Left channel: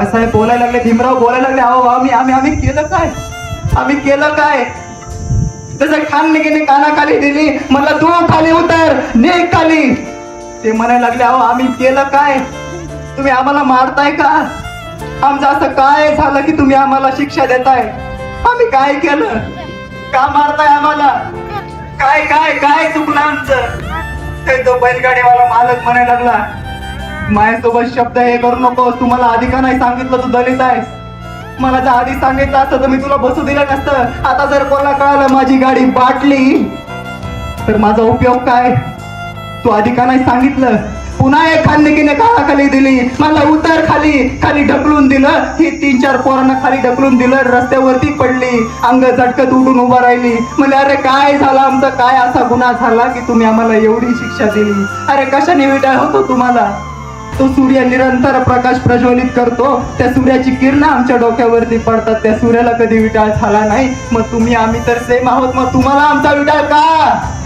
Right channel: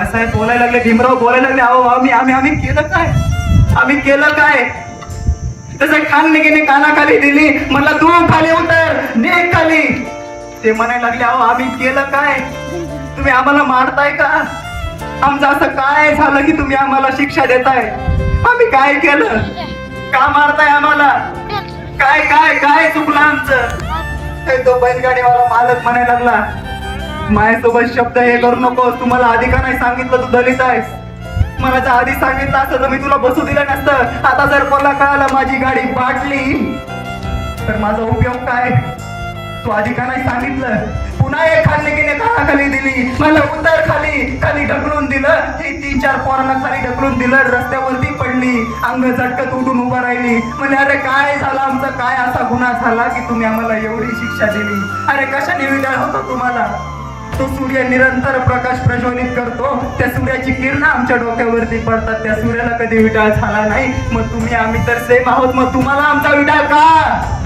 आबासाहेब बोलायला लागले, भीमराव बोलायला लागले, अहो आम्ही आम्ही आम्ही केलं काय? आम्ही केलं काय? तसं खाननिकीने कानाखाली दिली, मला तू खाली उतर, निघ खाली. ते म्हणायला लागले, अहो आम्ही केलं काय? तुम्ही आम्हाला मारताय का? आमचं असं काय झालं की तुम्ही आम्हाला शिक्षा देताय? आम्ही काय केलं? का मारताय आम्हाला? काय काय काय चुकलं आमचं? ते तो बैलगाडीवाला मालक म्हणायला लागला, माझ्यासोबत शब्द हे करू नकोस, तुम्हाला आधी का नाही सांगितलं तू दलित आहेस? मला जर आधी सांगितलं असतं तर मी तुला बसू दिलं नसतं. आता जर कोणाला कळालं माझी गाडी बाटली तर माझा उपयोग काय? तू आधी का नाही सांगितलं? पुन्हा एक खाननिकीने कानाखाली दिली, मला उतर खाली, खाली ढकलून दिलं. हे 3-4 पोरांना खाली ढकलून दिलं, रस्त्यावरती पडली, अंग झटकत उठून उभा राहिली. म्हणजे अरे काय झालं आमचं? काय असा गुन्हा झाला की तुम्ही आम्हाला एवढी शिक्षा दिली? अरे कशाने विटाळ होतो तुम्हाला? तो सूर्य निरंतर प्रकाश प्रज्वलित करतो, त्या सूर्याची किरण आमच्या डोक्यावरती पडतात, त्या सूर्याला कधी विटाळ झाला नाही. मग तुम्ही आम्ही तर सेम आहोत, मग तुम्हाला आमचा विटाळ का?